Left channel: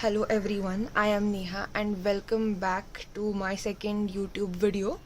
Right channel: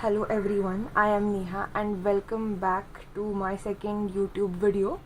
Hello everyone, I am Neha and welcome back to my second YouTube video.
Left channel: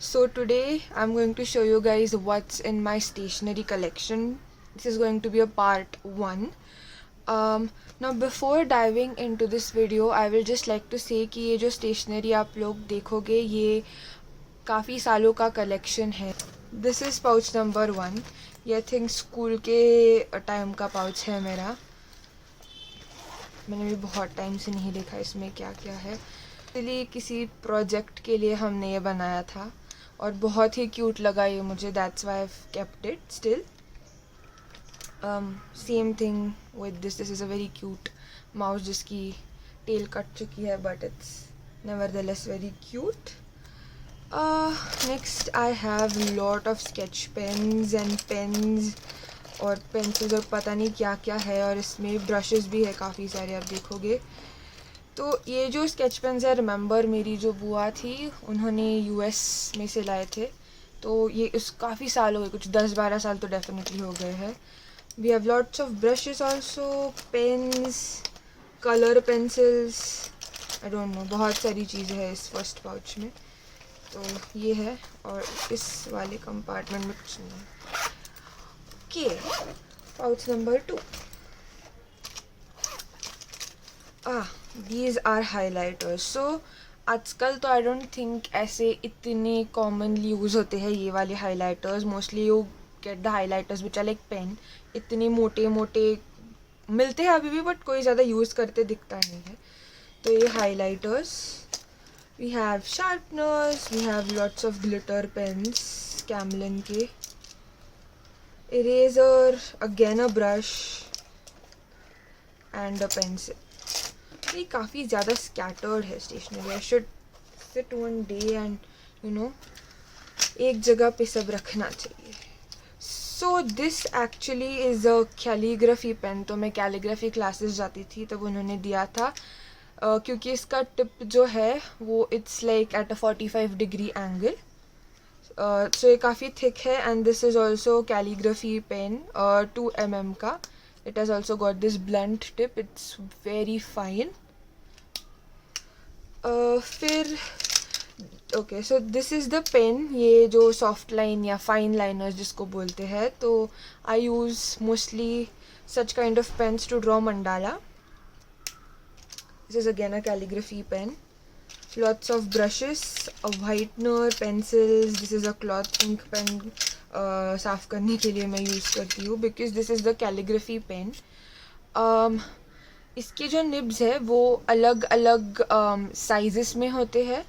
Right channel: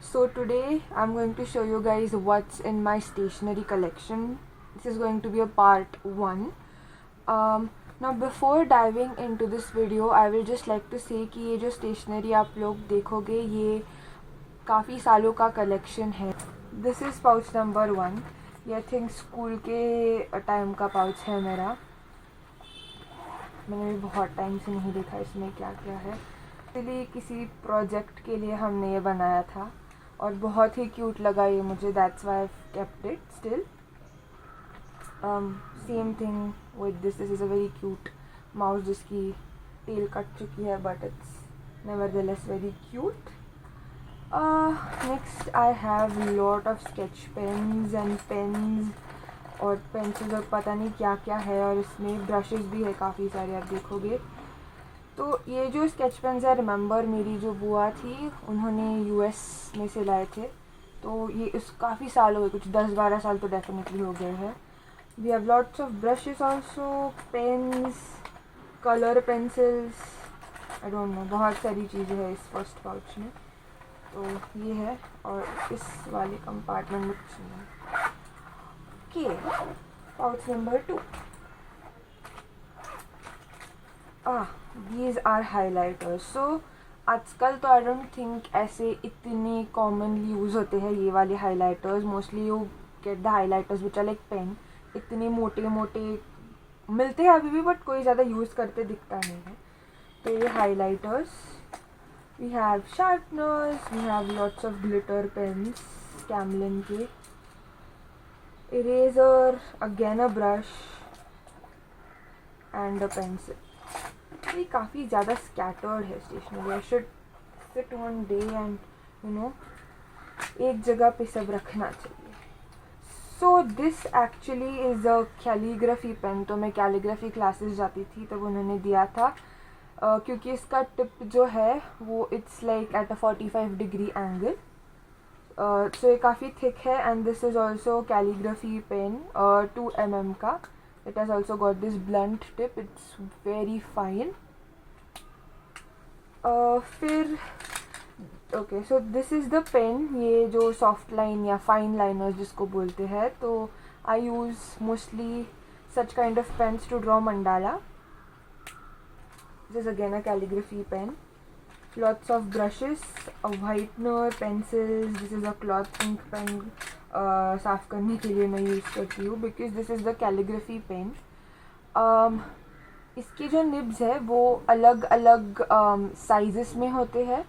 So today I'm going to show you guys what's in my stationery collection. This is going to be a part 1. Now before diving into this video, I will just like to say कि ये जो stationery आप लोग देखोगे ये काफ़ी सालों का collection है. This is pouch number 1. ये I think स्कूल के टाइम का pouch है मेरा. मैंने भी बहुत टाइम से नहीं देखा इसमें क्या क्या है. एक्चुअली किसी प्रोजेक्ट के लिए हमने ये बनाया था और बहुत ही क्यूट लगा ये मुझे. That's why I kept it still. Same thing with this is a very cute mouse जिसकी टेल कट चुकी है but it's nevertheless very cute. Next I have lot of sketch pens and pens और pencils और पता नहीं क्या क्या है, और इसमें ब्रशेस भी है काफ़ी सारे आप देखोगे. तो ये जो स्केच पेन्स है, रिमेंबर मेरी जो बुआ थी उन्होंने यूएस में से लाए थे, तो ये उस काफ़ी साल हो गए, कुछ 10-12 साल तो डेफिनेटली हो गए हैं. We have lots of brushes also, pens, colour pencils, I don't know, बहुत सारी चीज़ें हैं इस फर्स्ट पाउच में. तो ये है, और इस वाले कंपार्टमेंट में कुछ नहीं है. Okay, pouch number 2. These are highlighters. So आजकल तो आई डोंट थिंक ऐसे इतने कॉमनली यूज़ होते हैं ये वाले highlighters. Mostly you get the highlighters which are like pen. इतने मोटे मोटे मिलते हैं अभी भी बट कोई ज़्यादा यूज़ करते दिखता नहीं है. तो ये highlighters. We have sharpeners, we have lots of glitter pens Camlin के, eraser, again a brush and a pencil. ये काफ़ी ज़्यादा scattered है stationery. I should sit one day and you know एक जगह पे सब रखना चाहिए. So this actually is a calligraphy pen. तो मैं calligraphy classes जाती थी तब उन्होंने दिया था, क्योंकि इसका टिप जो है वो it's like at a 45-degree angle. सो ये काफ़ी थिक है and this is also calligraphy pen 2 mm का. It has also got this blunt tip. It's very fine. फिर okay, so this is the pen. ये जो सॉफ्ट लाइन या fine liners जिसको बोलते हैं, तो I use mostly such kind of pens to draw mandala. This is again a calligraphy pen. Lots of brushes, a whitener, pencils. This is a cloth ink pen. साफ़ करने के लिए मैं यूज़ करती हूँ because this is the calligraphy pen. इसके जो nibs है वो अलग अलग साइजेस में होते हैं.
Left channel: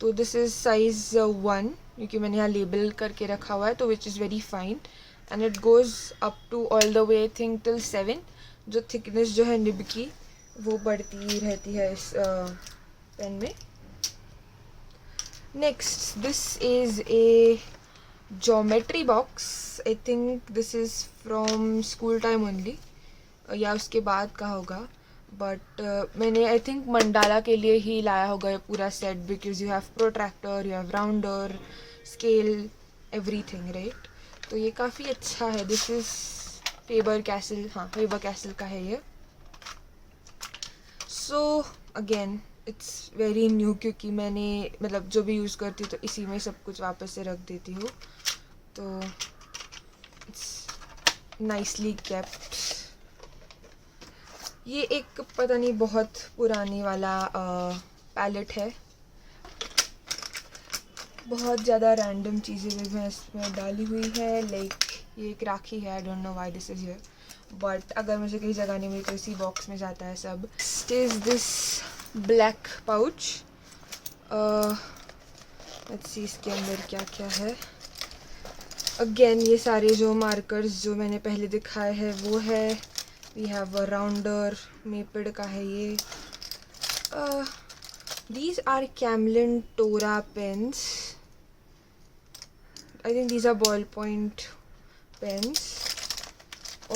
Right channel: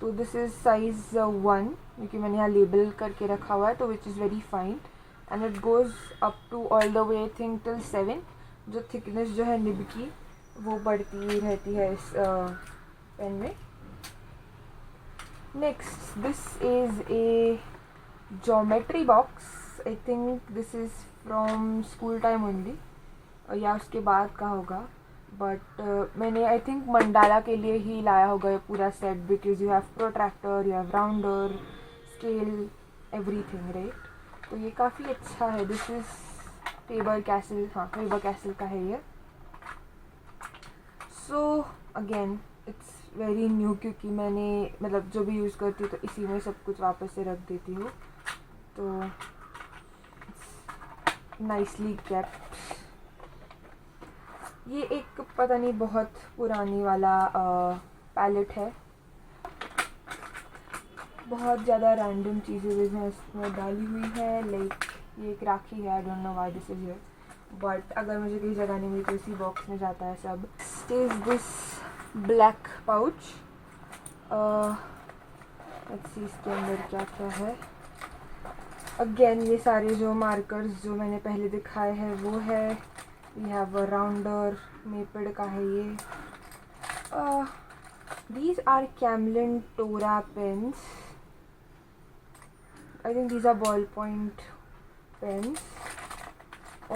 तो दिस इज़ साइज़ 1 क्योंकि मैंने यहाँ लेबल करके रखा हुआ है, तो which is very fine and it goes up to all the way thick till 7. जो थिकनेस जो है निब की वो बढ़ती रहती है इस पेन में. Next, this is a geometry box. I think this is from school time only, या उसके बाद का होगा, बट मैंने आई थिंक मंडाला के लिए ही लाया होगा ये पूरा set, because you have protractor, you have rounder, scale, everything, right. तो ये काफ़ी अच्छा है. This is favour castle. हाँ, फेबर कैसल का है ये. So again it's very new, क्योंकि मैंने मतलब जो भी यूज़ करती हूँ तो इसी में सब कुछ वापस से रख देती हूँ, तो इट्स नाइसली केप्ट. ये एक पता नहीं बहुत पुरानी वाला पैलेट है. बहुत ज़्यादा रैंडम चीज़ें भी मैं इसमें डाली हुई है. लाइक ये एक राखी है. आई don't know why this is here, but अगर मुझे कहीं जगह नहीं मिली तो इसी बॉक्स में जाता है सब. Is this black pouch. Let's see इसके अंदर क्या क्या है. अगेन ये सारे जो मार्कर्स जो मैंने पहले दिखाए हैं वो है. We have a rounder, Maped का है ये. These are Camlin Tora pens. I think these are ball point pens.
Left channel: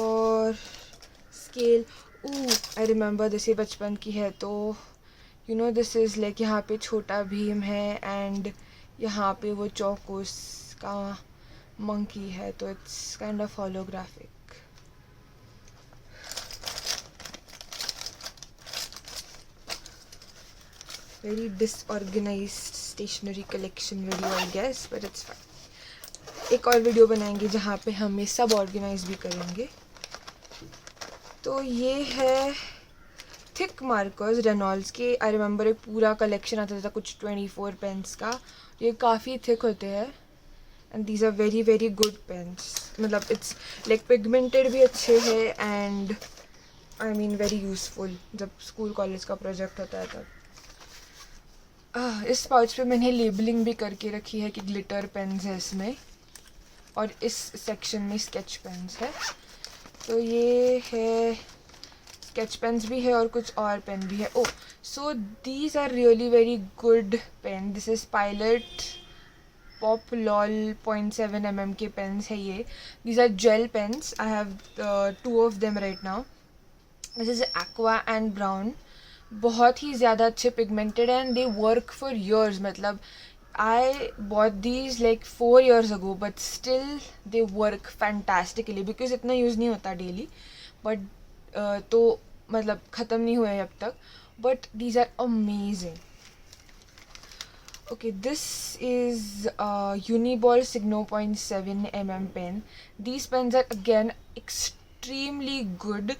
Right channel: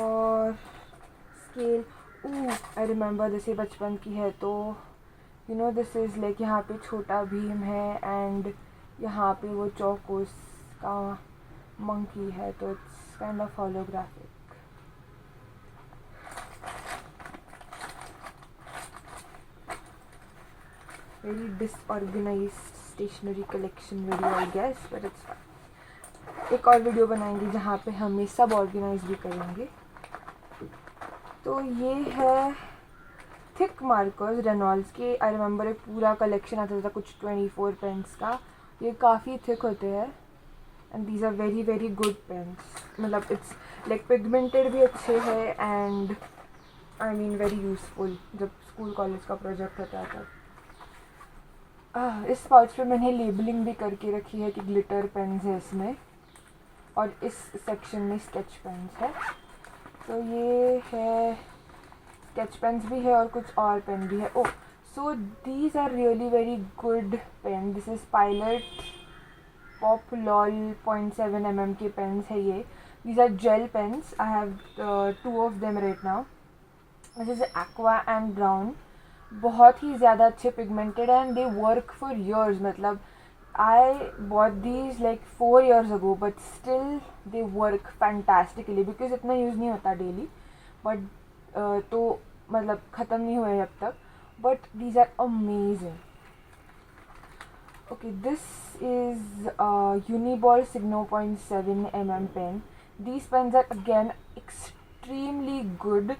और स्केल. आई रिमेंबर दिस, ये बचपन की है. तो you know this is like यहाँ पे छोटा भीम है एंड यहाँ पे वो चौकोस का मंकी है, तो it's kind of holographic. very disorganized stationery collection video I guess, but it's fine. एक और वीडियो बनाएंगे जहाँ पे हम ये सब ऑर्गेनाइज भी करेंगे. तो ये है थिक मार्कर्स रेनॉल्ड्स के. आई रिमेंबर एक पूरा कलेक्शन आता था कुछ 24 पेन्स का. ये काफ़ी थिक होते हैं and these are very very good pens. मतलब इट्स लाइक पिगमेंटेड भी अच्छे है and I mean very useful जब स्कूल कॉलेज का प्रोजेक्ट होता है तब. इस पाउच पे मैंने लेबलिंग भी करके रखी है कि ग्लिटर पेन्स है इसमें और इस सेक्शन में स्केच पेन्स है. तो ये है स्केच पेन्स भी है और कुछ और पेन भी है. Oh, so these are really very good pen. This is Pilot pop lol 0.7 mm के पेन्स है ये. These are gel pens. I have 2 of them right now. This is aqua and brown. बहुत ही ज़्यादा अच्छे pigmented and they work for years. मतलब I bought these like 4 years ago but still they work fantastically because इतना use नहीं होता daily. But तो मतलब ख़त्म नहीं हुए अब तक. But these are amazing. Okay, this is Uniball Signo 0.7 mm pen. These pens are again extremely good.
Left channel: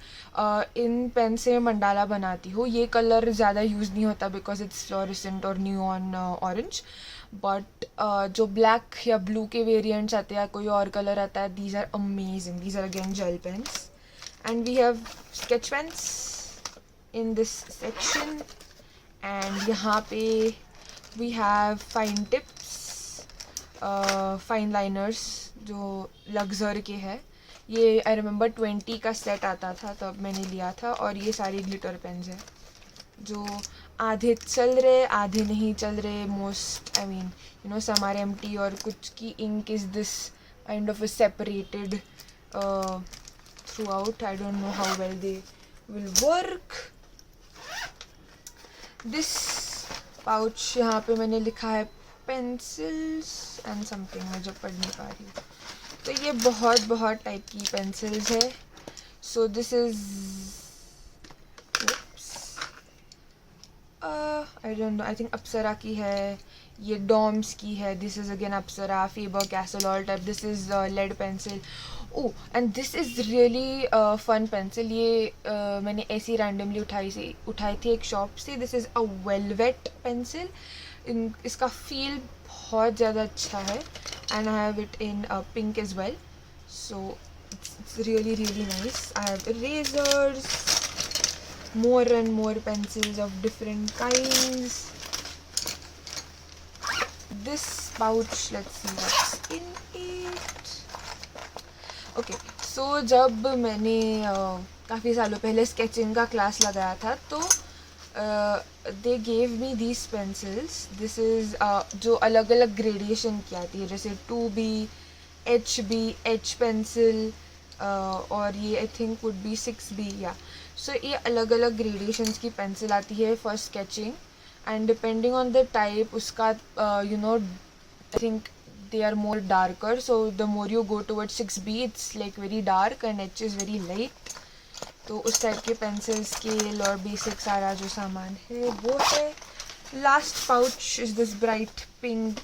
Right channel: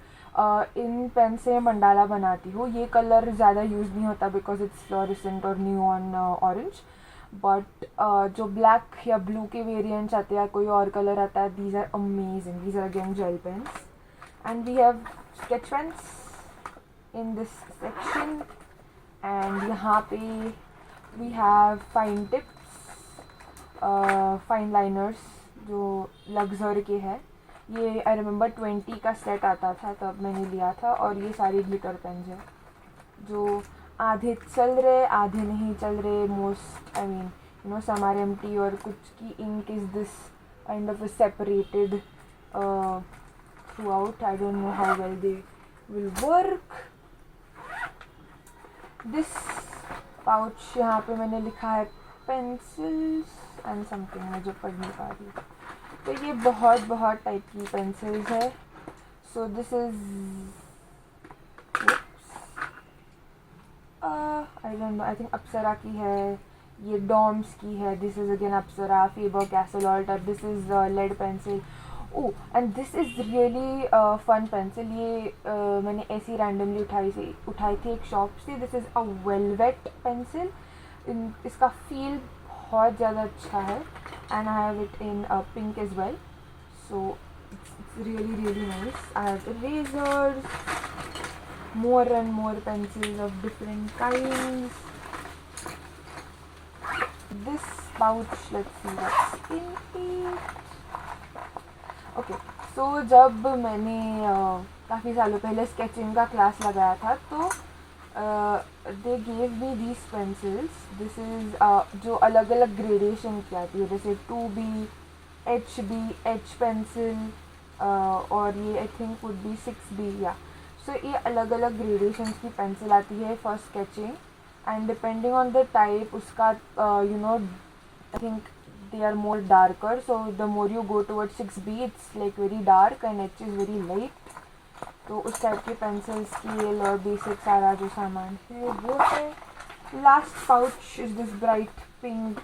इन पेन से मंडाला बनाती हूँ. ये कलर ज़्यादा यूज़ नहीं होता बिकॉज इट्स फ्लोरेसेंट और न्यूऑन ऑरेंज. बट जो ब्लैक या ब्लू के वेरिएंट्स आते हैं, कोई और कलर आता है, these are amazing. These are again gel pens and we have sketch pens in this section. And यहाँ पे we have fine tips, fine liners जो लग्जर के है. ये आई रिमेंबर 20 का सेट आता था तब मैंने लिया था. और ये सारे ग्लिटर पेन्स हैं जो आधे चल रहे आधे नहीं चल रहे. Most I mean you know some are empty और कुछ की ink is this kind of separated throughout. I don't know how well they will work. This pouch यहाँ पे मैंने लिखा है पेंसिल्स एंड समथिंग मैं जो पढ़ नहीं पा रही हूँ. तो ये बहुत टाइप की पेंसिल्स है. So this is I don't know, I think Apsara की है. ये डॉम्स की है. This is again Apsara, Faber Castell all type. This is lead pencil. Oh, and this is really fun pencil. ये मैंने ऐसी रैंडमली उठाई थी एक शॉप से. This is a velvet pencil. इसका फील बहुत ज़्यादा अच्छा है and I have it in pink as well. So it's really really nice. I have erasers, more and more pencils of different kinds. This pouch, let's see what's in it. Okay, so जब मैंने काफ़ी सालों पहले sketching का class लगाया था तो they gave me these pencils. This is जो अलग अलग ग्रेडेशन की आती है जैसे 2B, HB, H pencil और ये I think would be 6B. या सो ये अलग अलग ग्रेडेशंस की पेंसिल आती है for sketching and depending on the type उसका you know I think they are more darker. So the more you go towards 6B it's like very dark and H is very light. तो उस type के pencils के और basic सारा जो सामान है वो है. Last pouch is this bright pink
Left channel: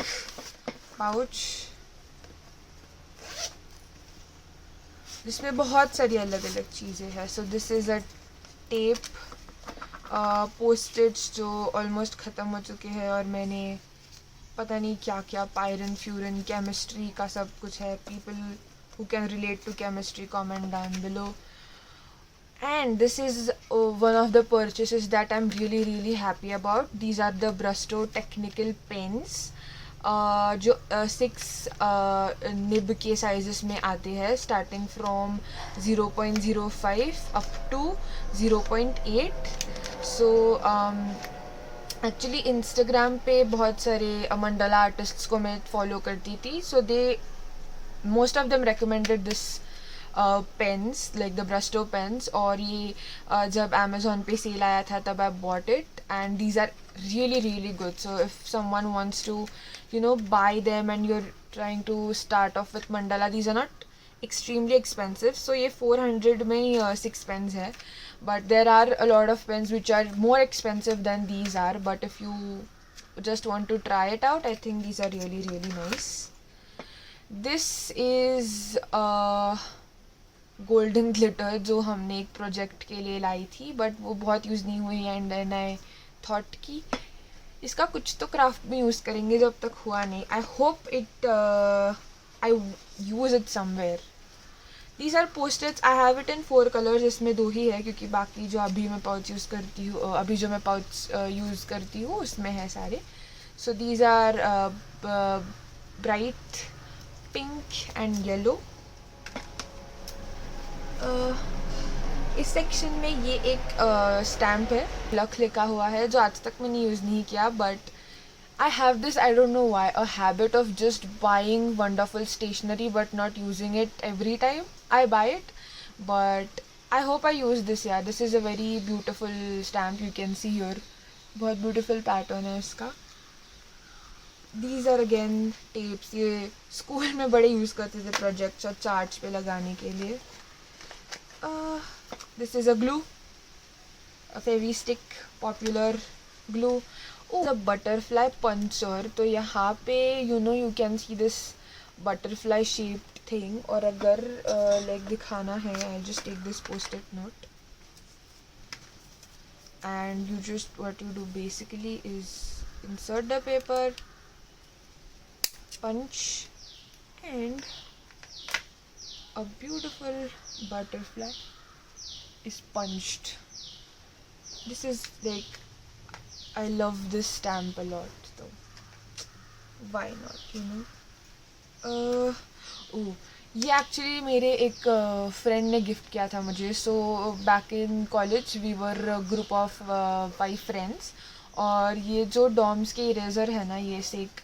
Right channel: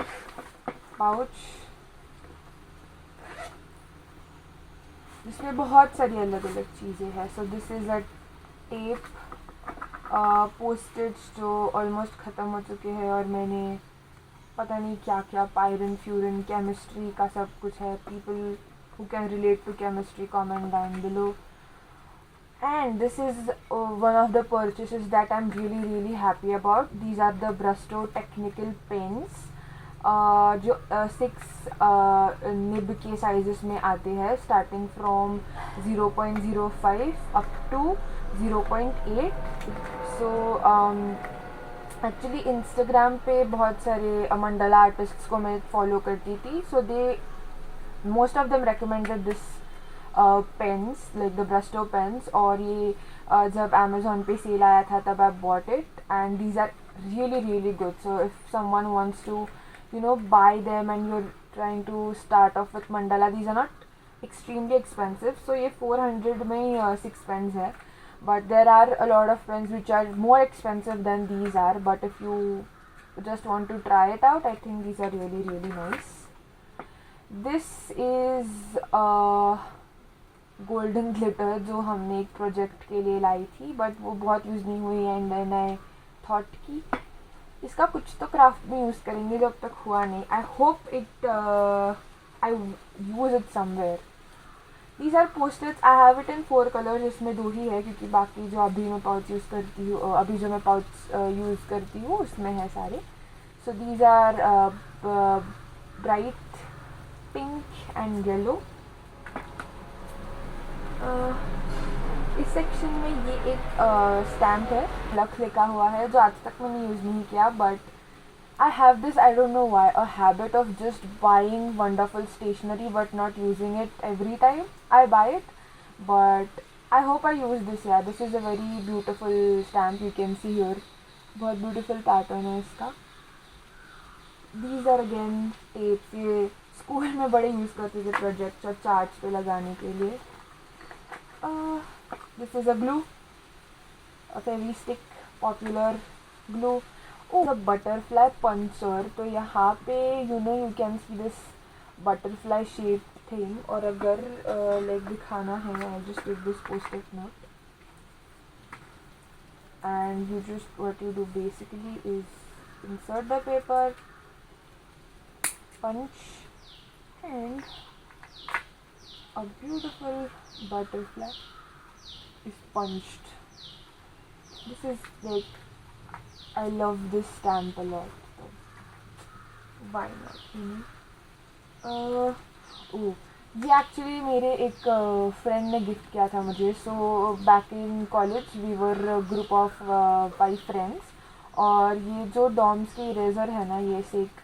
pouch जिसमें बहुत सारी अलग अलग चीज़ें हैं. सो this is a tape, postage जो ऑलमोस्ट ख़त्म हो चुके हैं और मैंने पता नहीं क्या क्या पायरन फ्यूरन केमिस्ट्री का सब कुछ है. People who can relate to chemistry comment down below. And this is one of the purchases that I am really happy about. These are the Brustro technical pens जो 6 निब के साइजेस में आते हैं starting from 0.05 up to 0.8. So actually Instagram पे बहुत सारे Mandla artists को मैं फॉलो करती थी. So they most of them recommended this pens like the Brustro pens. और ये जब अमेज़ॉन पे सेल आया था तब I bought it and these are really good. So if someone wants to you know buy them and you're trying to start off with mandala, these are not extremely expensive. So ये 400 में 6 pens है. but there are a lot of pens which are more expensive than these are, but if you just want to try it out, I think these are really really nice. This is golden glitter जो हमने एक project के लिए लाई थी, but वो बहुत use नहीं हुई, एंड देन आई थॉट कि इसका कुछ तो क्राफ्ट में यूज़ करेंगे, जब तक हुआ नहीं. I hope it I use it somewhere. These are post-its. I have it in 4 colors. इसमें 2 ही है क्योंकि बाकी जो अभी मैं पाउच यूज़ करती हूँ, अभी जो मैं पाउच यूज़ करती हूँ उसमें है सारे. So these are bright pink and yellow. इस सेक्शन में ये एक स्टैम्प है, लक लिखा हुआ है, जो आज तक मैंने यूज़ नहीं किया, but I have this, I don't know why, a habit of just buying wonderful stationery but not using it every time I buy it. But I hope I use this. Yeah, this is a very beautiful stamp, you can see here. बहुत beautiful pattern है इसका. These are again tapes. ये school में बड़े use करते थे projects और charts पे लगाने के लिए. This is a glue, a Fevistick popular glue. The butterfly puncher. तो यहाँ पे you can see this butterfly shaped thing. और अगर like दिखाना है, I'll just take this post-it note, and you just, what you do basically is insert the paper, punch, and a beautiful butterfly is punched. This is like, I love this stamp a lot, so why not, you know. ये actually मेरे एक friend ने gift किया था मुझे. So back in college we were group of 5 friends, और ये जो डॉम्स के इरेज़र है ना, ये से एक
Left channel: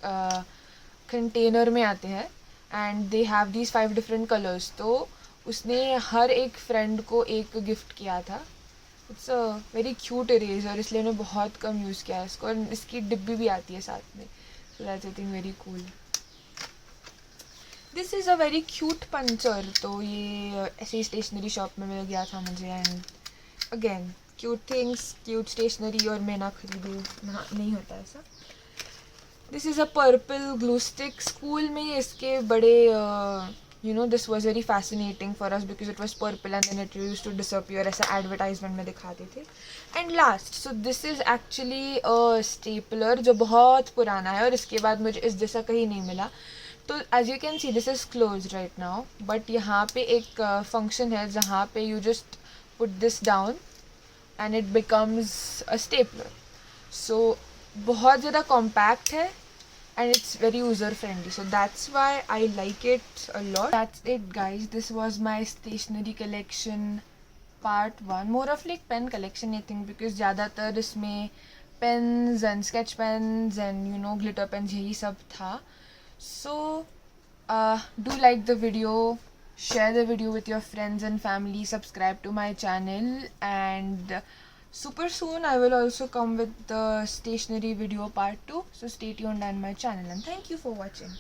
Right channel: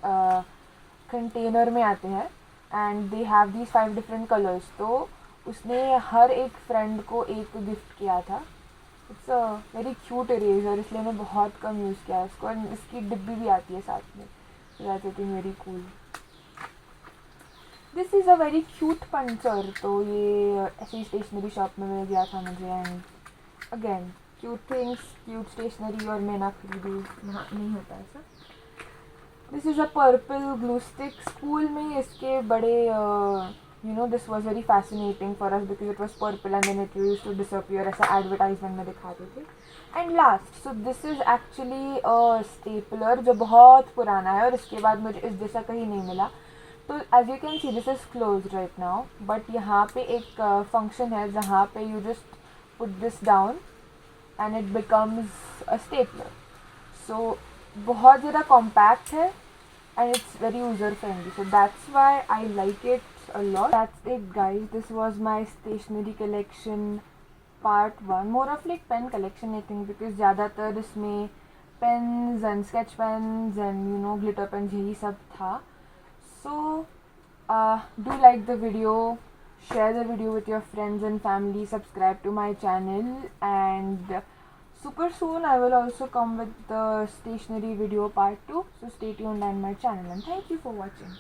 कंटेनर में आते हैं, and they have these 5 different colours. तो उसने हर एक फ्रेंड को एक गिफ्ट किया था. It's a very cute eraser, इसलिए मैंने बहुत कम यूज़ किया है इसको, और इसकी डिब्बी भी आती है साथ में. So that's I think very cool. This is a very cute puncture. तो ये ऐसे ही स्टेशनरी शॉप में मिल गया था मुझे, and again cute things, cute stationery, और मैं ना खरीदूँ, नहीं होता ऐसा. This is a purple glue stick. School में इसके बड़े this was very fascinating for us because it was purple and then it used to disappear, ऐसा advertisement में दिखाते थे. And last, so this is actually a stapler जो बहुत पुराना है, और इसके बाद मुझे इस जैसा कहीं नहीं मिला. तो as you can see this is closed right now, but यहाँ पे एक function है जहाँ पे you just put this down and it becomes a stapler. So बहुत ज़्यादा compact है, and it's very user friendly, so that's why I like it a lot. That's it guys, this was my stationery collection part 1, more of like pen collection I think, because ज़्यादातर इसमें pens and sketch pens and glitter pens यही सब था. So do like the video, share the video with your friends and family, subscribe to my channel, and super soon I will also come with the stationery video part 2, so stay tuned on my channel, and thank you for watching.